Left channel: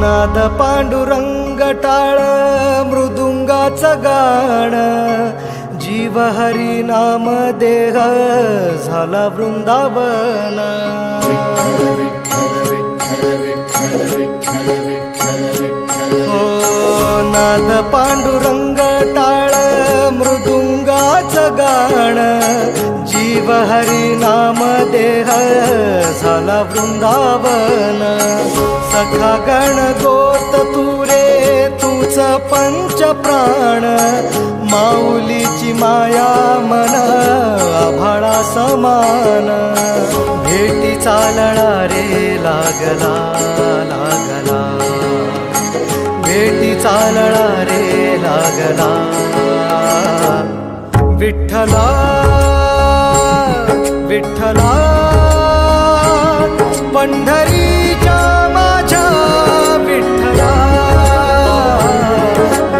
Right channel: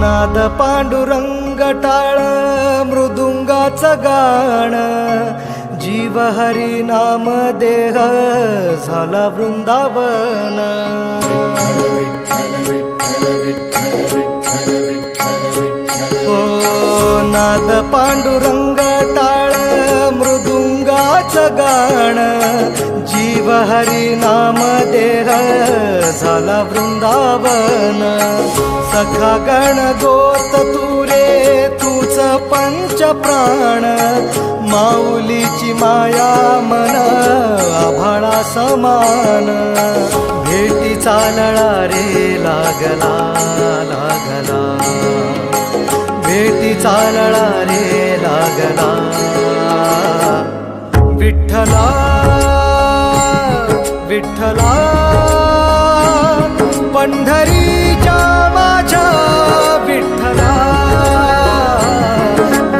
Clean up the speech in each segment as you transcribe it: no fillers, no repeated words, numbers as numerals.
नाद पांडुरंग टाळ मृदुंगाचं गाण, जीव हरी नाम देह झाला वृंदावन. हो नाद पांडुरंग टाळ मृदुंगाचं गाण, जीव हरी नाम देह झाला वृंदावन. सखा गण गोत तुरे तूच पंच प्राण, माऊलीची माया मन आभाळा समान. भेटी चालळा रे लागला लागला, भेटी चालळा रे लागला. विठ्ठला विठ्ठला पंढरीच्या माझ्या विठ्ठला,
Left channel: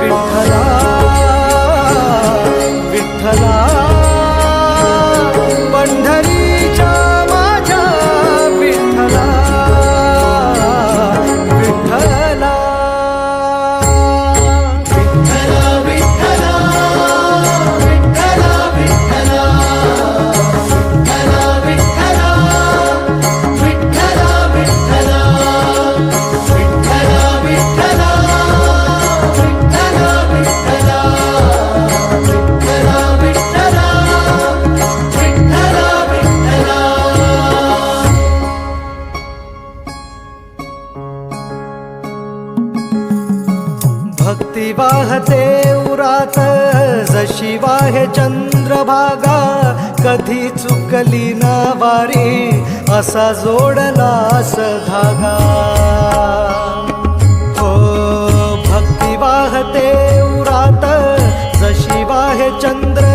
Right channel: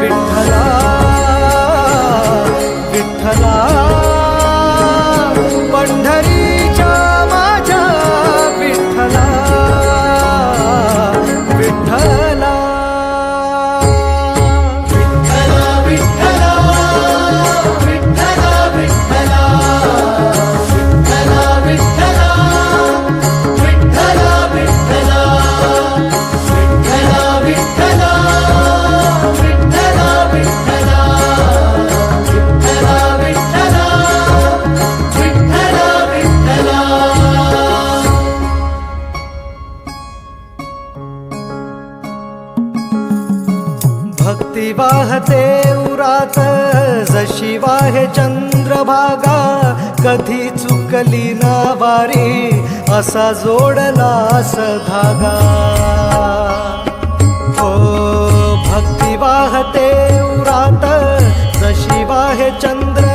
विठ्ठला विठ्ठला पंढरीच्या माझ्या विठ्ठला, विठ्ठला. भक्ती वाहते उरात जशी वाहे चंद्रभागा, कधी चुकली ना वारी असा जोडलास धागा. हो भक्ती वाहते उरात जशी वाहे चंद्र